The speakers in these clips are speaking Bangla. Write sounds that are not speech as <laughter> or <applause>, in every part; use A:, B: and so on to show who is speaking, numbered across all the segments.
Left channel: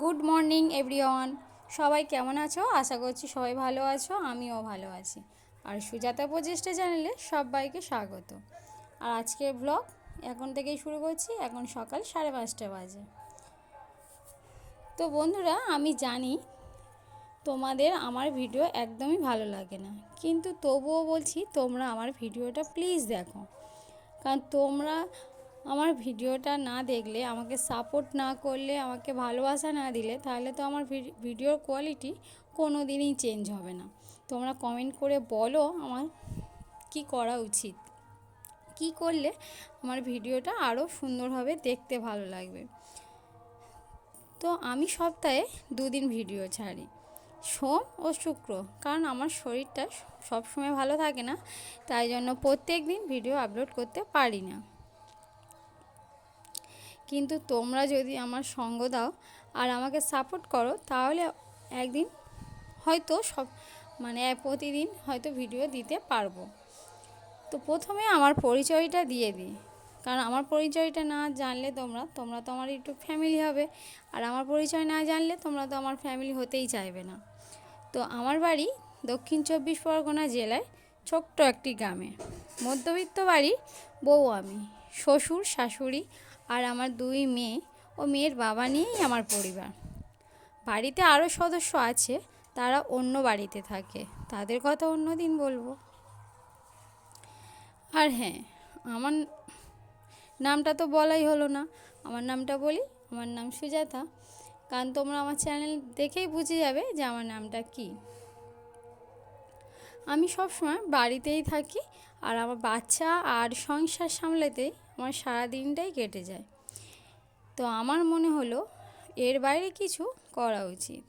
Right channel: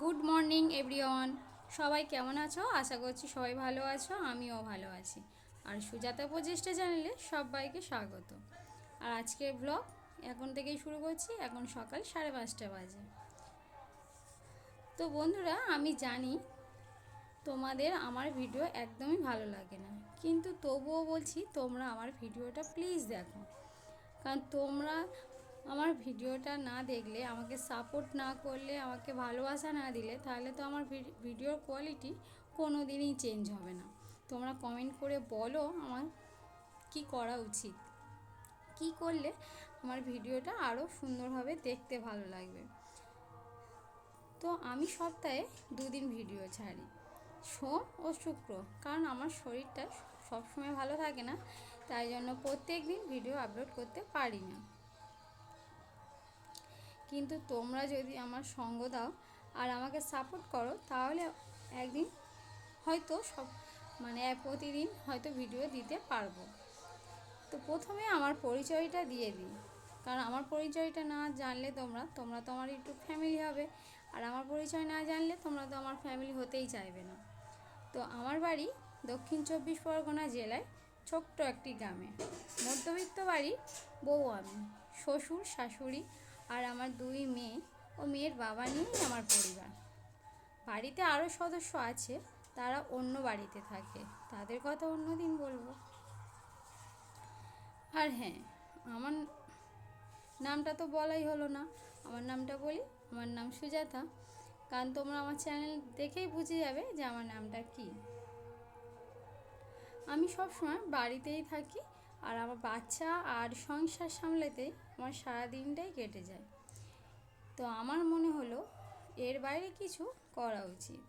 A: Good morning everyone. সবাই কেমন আছো? আশা করছি সবাই ভালো আছো, আমিও ভালো আছি। আর সুজাতা প্রচেষ্টা চ্যানেলে সবাইকে স্বাগত। আর আজকের ব্লগ এখন থেকেই শুরু করছি, এখন সকাল সাড়ে পাঁচটা বাজে। তো বন্ধুরা, আমি জানি তোমাদের আমার ভিডিও একদমই ভালো লাগে না, কিন্তু তবুও বলছি তোমরা আমার ভিডিওটা প্লিজ দেখো। কারণ তোমরা আমার ভিডিওটা না দেখলে, আমাকে সাপোর্ট না করলে, আমাকে ভালোবাসা না দিলে, তাহলে তো আমার ভিডিওর কোয়ালিটি কোনো দিনই চেঞ্জ হবে না। তোমরা কমেন্ট করে বলো আমার কি করা উচিত। কি করলে আমার ভিডিওটা আরও সুন্দরভাবে দেখতে ভালো লাগবে। তো আমি সপ্তাহে দুদিন ভিডিও ছাড়ি, সোম ও শুক্র। কারণ আমার শরীরটা সবসময় ভালো থাকে না, তাই জন্য প্রত্যেক দিন ভিডিও আপলোড করতে পারি না। কিন্তু তোমরা যদি আমার সঙ্গ দাও আর আমাকে সাপোর্ট করো, তাহলে একদিন হয়তো সব মানে প্রতিদিন হয়তো ভিডিও দিতে পারব। তো প্রথমে আমার পরিচয়টা দিয়ে দিই। কারণ আমার পরিচয়টা না জানলে তোমরা তোমরা তো আমার ইউটিউব ফ্যামিলি হবে। আর আমার পরিচয় না জানলে তোমরা তো আমার ফ্যামিলি হতেই চাইবে না। তো আমার বাড়ি দক্ষিণ চব্বিশ পরগনা জেলায় ছোট্ট একটি গ্রামে। মধ্যবিত্ত বাড়ি বউ আমি, শ্বশুর, শাশুড়ি আর আমার দুই মেয়ে ও মেয়ের বাবা নিয়েই আমার পরিবার। বাড়িতে আরও সদস্য আছে, তারা অন্য বাড়িতে থাকে। তাদের কথা অন্য দিন বলব। আর হ্যাঁ আমার নামটা তো বলাই হলো না। আমার নামটা বলি, আমার নাম সুজাতা। কারণ তোমরা আমার চ্যানেল দেখেই বুঝে যাবে যে আমার নামটা কী। আমি সবসময় বাড়িতেই থাকি আর আমার বাচ্চা আর সংসার সামলাতেই আমার সারা দিনটাই কেটে যায়। তো আমার মনে হলো এর বাইরে কিছু করা উচিত।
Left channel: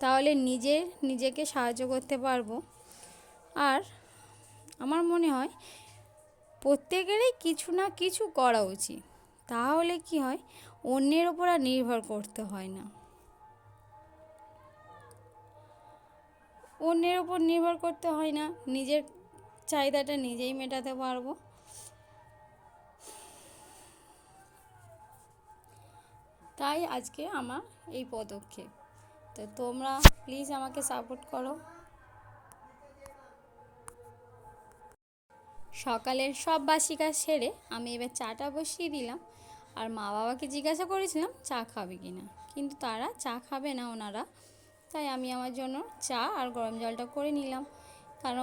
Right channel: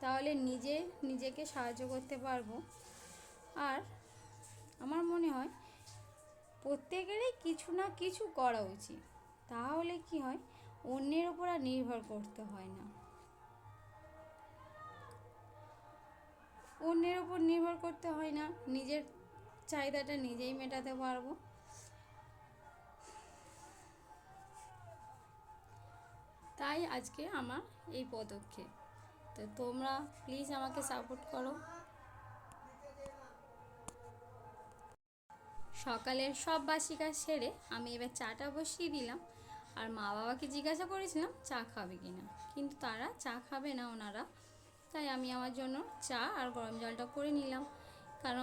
A: তাহলে নিজে নিজেকে সাহায্য করতে পারব। আর আমার মনে হয় প্রত্যেকেরই কিছু না কিছু করা উচিত। তাহলে কি হয়? অন্যের ওপর আর নির্ভর করতে হয় না। অন্যের ওপর নির্ভর করতে হয় না। নিজের চাহিদাটা নিজেই মেটাতে পারব। তাই আজকে আমার এই পদক্ষেপ। তো তোমরা প্লিজ আমাকে সাপোর্ট করো। সকালের সব বাসি কাজ সেরে আমি এবার চাটা বসিয়ে দিলাম। আর মা বাবাকে জিজ্ঞাসা করেছিলাম, চা খাবে কি না কিন্তু তারা চা খাবে না ওনারা। তাই আমি আমার জন্য চা আর গরম জলটা করে নিলাম। কারণ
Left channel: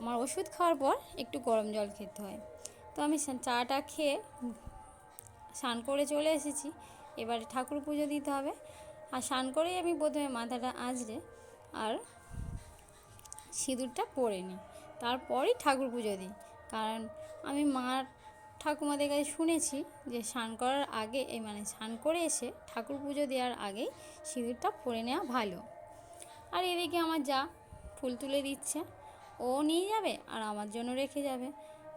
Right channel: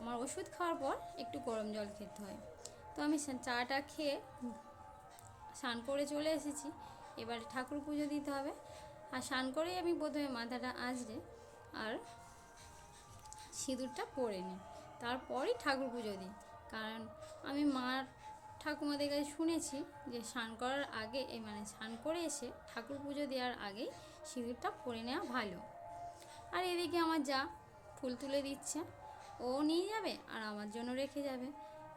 A: আমার ওষুধ খাওয়ার পর একটু গরম জল খেতে হয়। তো আমি চাটা খেয়ে স্নান করে চলে এসেছি। এবারে ঠাকুর পুজো দিতে হবে। আর স্নান করেই আমি প্রথমে মাথাটা আঁচড়ে আর সিঁদুরটা পরে নিই। তারপরেই ঠাকুর পুজো দিই। কারণ আমি মার ঠাকুমাদের কাছে শুনেছি যে স্নান করার আগে এই মানে স্নান করে এসে ঠাকুর পুজো দেওয়ার আগেই সিঁদুরটা পরে নেওয়া ভালো। আর এদিকে আমার যা ফুল তুলে দিচ্ছে, ও নিয়ে যাবে আর আমার জন্য রেখে যাবে।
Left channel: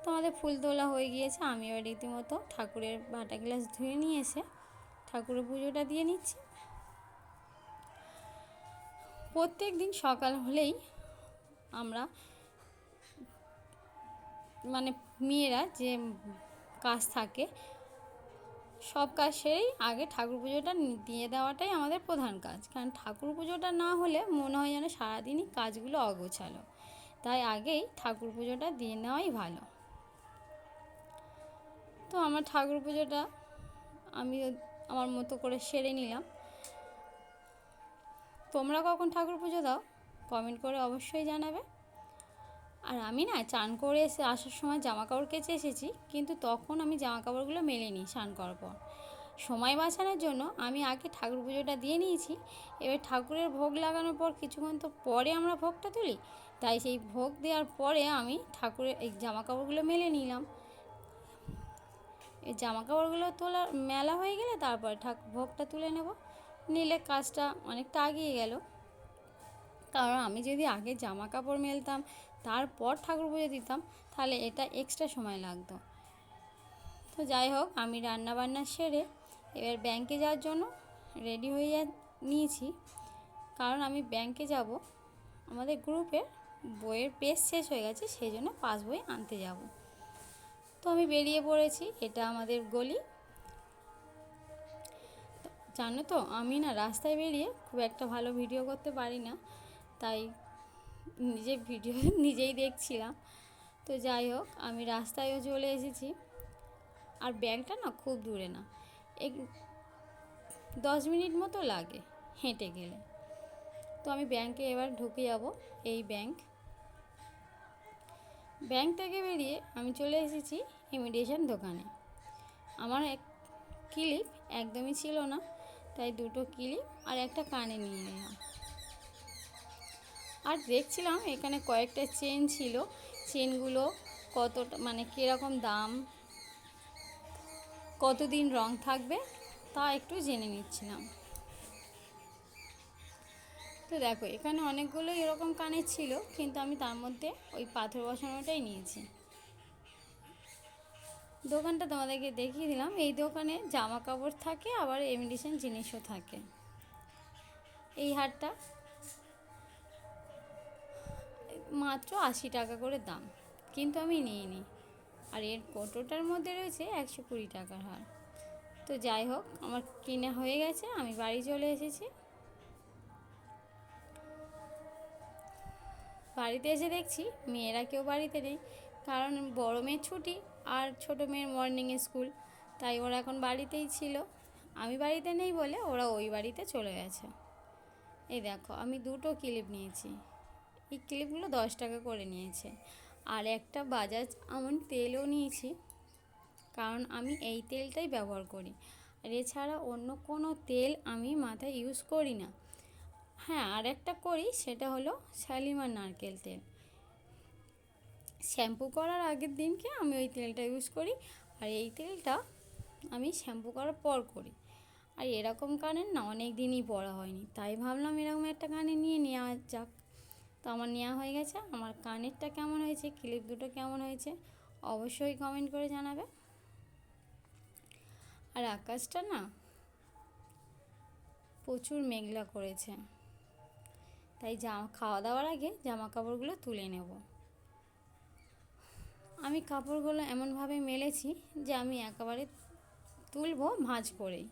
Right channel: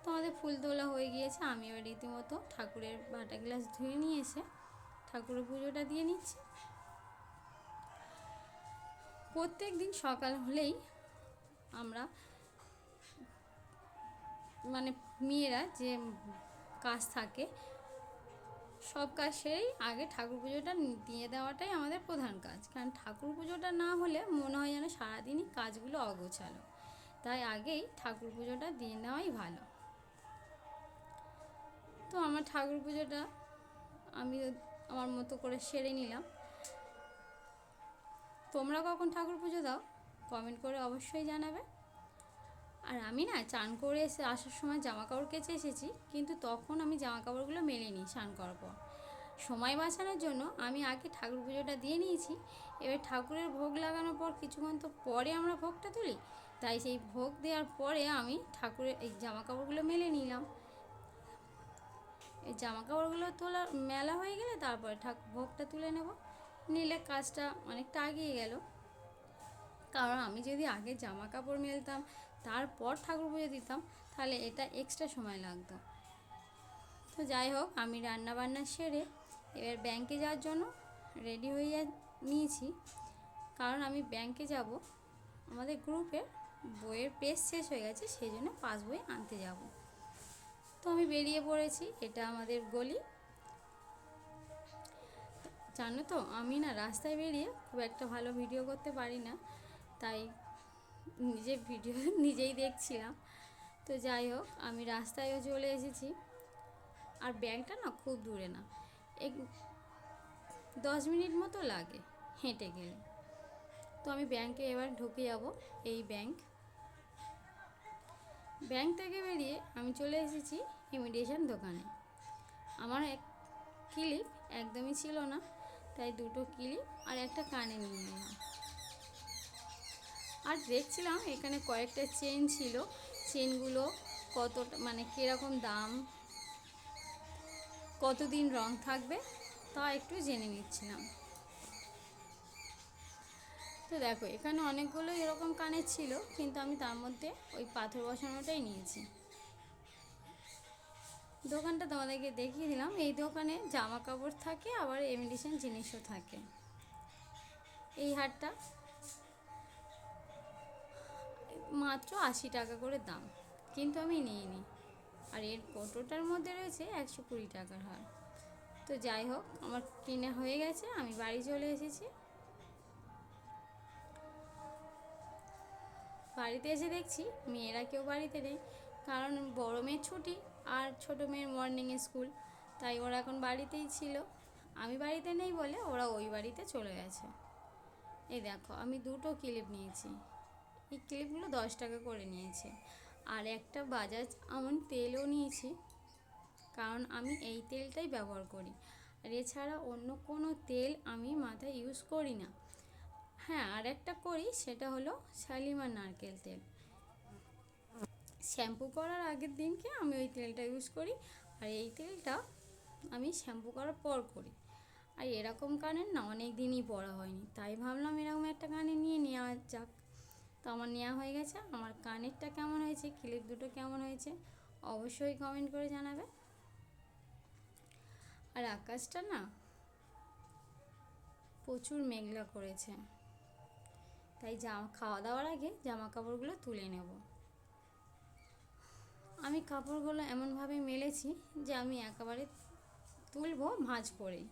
A: তো আমাদের ফুল তোলা হয়ে গিয়েছে আমি এবার রীতিমতো ঠাকুরের বাটা গ্লাস ধুয়ে নিয়ে এসে ঠাকুরের পুজোটা দিয়ে নিচ্ছি। প্রত্যেক দিন সকাল হলেই আমরা মানে মেয়েরা যে কাজ থাকে, সব কাজ সেরেই আগে ঠাকুর পুজোটা দিয়ে দেওয়াটাই আমাদের প্রধান কাজ। কারণ ঠাকুর পুজোটা না হলে মনে হয় যেন সারাদিনই কাজগুলো অগোছালো। তাই আগেই ঠাকুর পুজোটা দিয়ে নেওয়াই ভালো। তো আমার ঠাকুর পুজোটা আমি আমার মতো করে সেরে নিলাম। তোমরা কখন ঠাকুর পুজো দাও কমেন্ট করে অবশ্যই জানাবে। আর আমি না চান করে এসে আসার সময় জামা কাপড় কেচে এসেছি, কিন্তু তখন আমি জামা কাপড়গুলো মেলে নিই, স্নান করার পর। সময় বাঁচানোর জন্য আমি আগে ঠাকুর পুজোটা দিয়ে নিয়েছি, এবার ঠাকুরের ভোগ লাগানোর পর কিছুক্ষণ তো পরে আমরা ভোগটা তুলি, তাই সেই ভোগ দেওয়ার পরে আমি ঠাকুরের এই জামা কাপড়গুলো মেলে নিলাম। এই জামা কাপড়গুলো তোলা মেলা হয়ে গেলে তারপরে ঠাকুর ভোগটা তুলে নেব। নিলে কাজটা অনেকটা আগিয়ে গেল। কারণ আমি যদি আগে জামা কাপড় মেলতাম, তারপর ঠাকুর পুজো দিতাম, তাহলে এটা এক্সট্রা সময় লাগতো। তো যাই হোক, আমি রান্না বান্না সেরে এবার ব্যাংকে যাওয়ার জন্য রেডি হয়ে নিয়েছি। কারণ আমি ব্যাংকে যাব, আমাদের গ্রুপের বইয়ের পেজ শেষ হয়ে গেছে, সেই জন্য পাস বই আনতে যাব। তো আমি বেরিয়ে পড়েছি, এটা আমাদের গলি। জানো তো, আমি না রাস্তায় বেরিয়ে খুব একটা ভালো ভিডিও করতে পারি না, তাই নিজে ভিডিও <laughs> নিজেই দেখছিলাম। তো যাই হোক, আমি রাস্তায়ও চলে এসেছি। আর ব্যাংকটা না খুব দূরে না, এক দশ মিনিট মতো লাগে হেঁটে গেলে। তো আমি ব্যাংকে এবার ঢুকে যাব, এই ব্যাংক। ব্যাংক থেকে বেরিয়ে আমি চলে এসেছি ইমিডিয়েশন দোকানে। আমার এক ক্লিপ একদমই ছিল না, তাই দুটো ক্লিপ আর একটা কানে নিয়ে নিলাম। আর দেখছিলাম এখানে কয়েকটা চেন ছিল, চেনগুলো কতটা মানে কীরকম দাম, কতদিন রং থাকবে তা একটু জেনে নিচ্ছিলাম। তো দেখো, এখানে অনেকগুলো এরকম কানের ছিল, কিন্তু আমি তার মধ্যে ওই পাথর বসানোটাই নিয়েছি। দোকানটা তোমাদেরকে দেখিয়ে দিলাম, এই দোকানে জামা কাপড় থাকে, আবার এমিডিশন জিনিসও থাকে। এই হারটা মাত্র আশি টাকা করে দাম, কিন্তু আমি নিয়ে নিই আর এর কটোটার মধ্যে রয়েছে একশো কুড়ি টাকার হার। তো যাই হোক, আমার কিনে হয়ে গেছে, আমি বাড়ি চলে এসেছি। বাড়িতে এসে দেখছি মেয়েরা কেউ বাড়িতে নেই। কারণ বড় মেয়ের ছুটি আর ছোটো মেয়ের মর্নিং স্কুল তাই ওরা এখন বাড়িতেই ছিল। আমি বাড়িতে নেই বলে ওরা ওই বাড়িতে চলে গেছে। এই দেখো, আমি দুটো ক্লিপ নিয়েছি। এই ক্লিপগুলো দশ টাকা করে নিয়েছে। আর একটা বাজাজ আমন তেলও নিয়েছি। কারণ আমি এই তেলটাই ব্যবহার করি। আর এছাড়া অন্য কোনো তেল আমি মাথায় ইউজ করি না। হ্যাঁ আর একটা করি, সেটা হলো শালিমার নারকেল তেল। শ্যাম্পু করার আগের দিনকে আমি ওই তেলটা ইউজ করি, আর এই তেলটা আমি শ্যাম্পু করার পর করি। আর এরকম কানের না, অনেক দিনই পরা হয়নি। তাই ভাবলাম এরকম একটা কানে নিয়ে নেওয়া যাক। তো আমার নেওয়া হয়ে গেছে। আমার কানেরটা কেমন হয়েছে, ক্লিপ দুটো কেমন হয়েছে, অবশ্যই কমেন্ট করে জানাবে। আর আকাশটা না, প্রচুর মেঘলা করেছে। তাই জামা খাওয়া দাওয়ার আগে জামা কাপড়গুলো তুলে নেব। আমি কাপড়গুলো এমনভাবে মেলেছি যে আমি একেবারে তুলবো ভাঁজ করেই।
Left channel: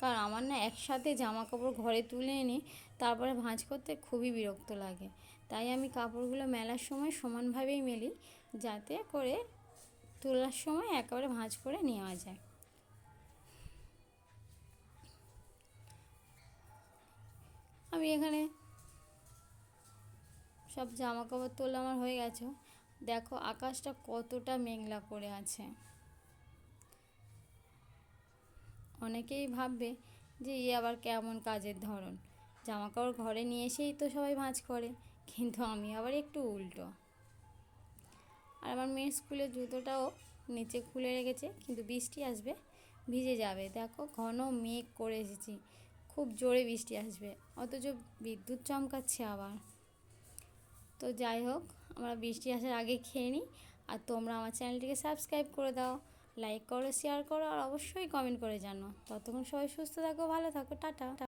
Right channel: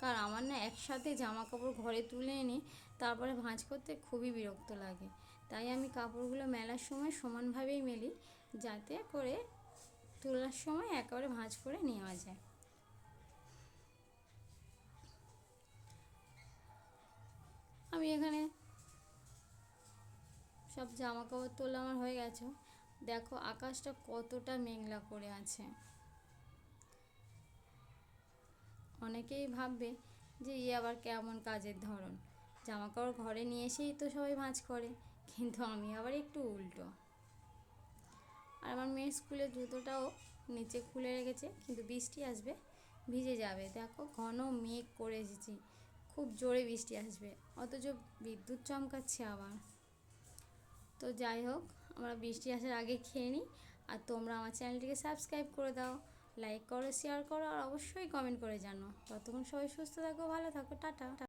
A: কারণ আমার না একসাথে জামা কাপড় ঘরে তুলে এনে তারপরে ভাঁজ করতে খুবই বিরক্ত লাগে। তাই আমি কাপড়গুলো মেলার সময় সমানভাবেই মেলি যাতে করে তোলার সময় একেবারে ভাঁজ করে নেওয়া যায়। আমি এখানে সব জামা কাপড় তোলা আমার হয়ে গেছে। দেখো, আকাশটা কতটা মেঘলা করে আছে। অনেকেই ভাববে যে ই আবার কেমন কাজের ধরন। জামা কাপড় ঘরে নিয়ে এসেই তো সবাই ভাঁজ করে, কিন্তু আমি আবার একটু উল্টো। আর আমার মেয়ের স্কুলের জুতোটাও নিচে খুলে রেখেছে, কিন্তু বৃষ্টি আসবে, ভিজে যাবে। দেখো, ঘন মেঘ করে এসেছি। খুব জোরে বৃষ্টি আসবে, অথচ বিদ্যুৎ চমকাচ্ছে আবার। তো যাই হোক, আমরা বৃষ্টি আসার আগে খেয়ে নিই। আর তোমরা আমার চ্যানেলটিকে সাবস্ক্রাইব করে দাও, লাইক করো শেয়ার করো, আর অবশ্যই কমেন্ট করে জানো। ততক্ষণ সবাই সুস্থ থাকো, ভালো থাকো, টাটা।